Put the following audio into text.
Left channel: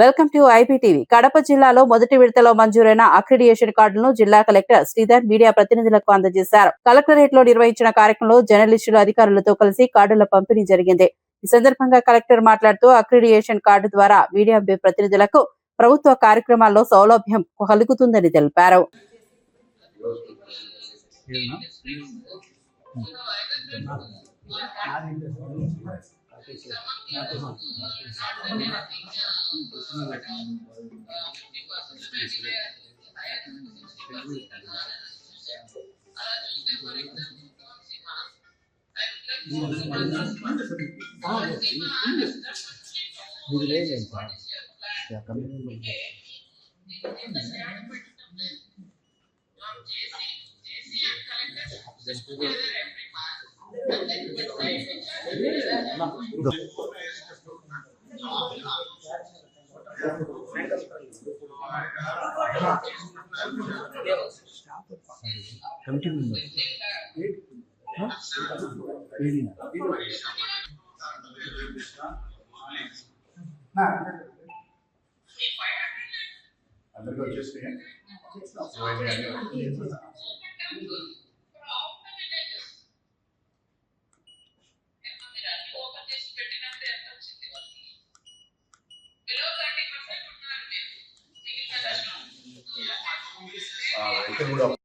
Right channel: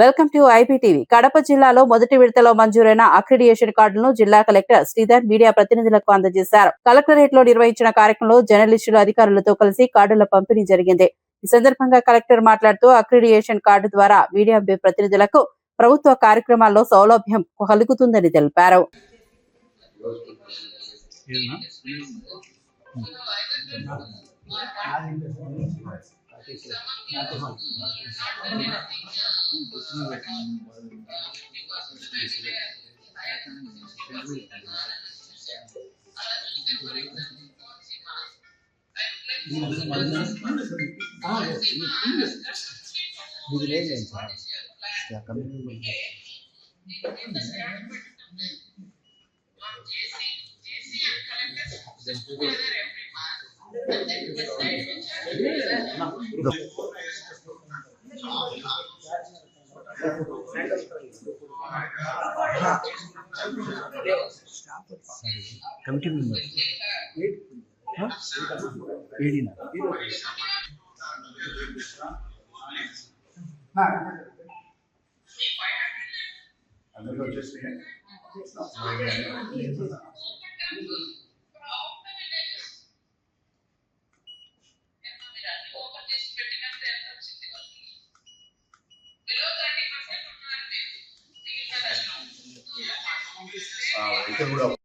Welcome to IPTV. Kadapa జిల్లాలో మొదటి విడతలో మంజూరైన అక్రిడియేషన్ కార్డులను జిల్లా కలెక్టర్ శ్రీధర్ మీడియా ప్రతినిధులకు అందజేశారు. కలెక్టరేట్ లో నిర్వహించిన కార్యక్రమంలో జర్నలిస్టులు అధికారులతో కలిసి కార్డుల పంపిణీ జరిగింది. ఈ సందర్భంగా కలెక్టర్ మాట్లాడుతూ అక్రిడియేషన్ కార్డు ద్వారా మీడియా ప్రతినిధులకు ప్రభుత్వ కార్యక్రమాల్లో సౌలభ్యం కలుగుతుందని తెలిపారు. కమిటీ మెంబర్ అందరికీ వచ్చేసినాయి. ఇక్కడ కూడా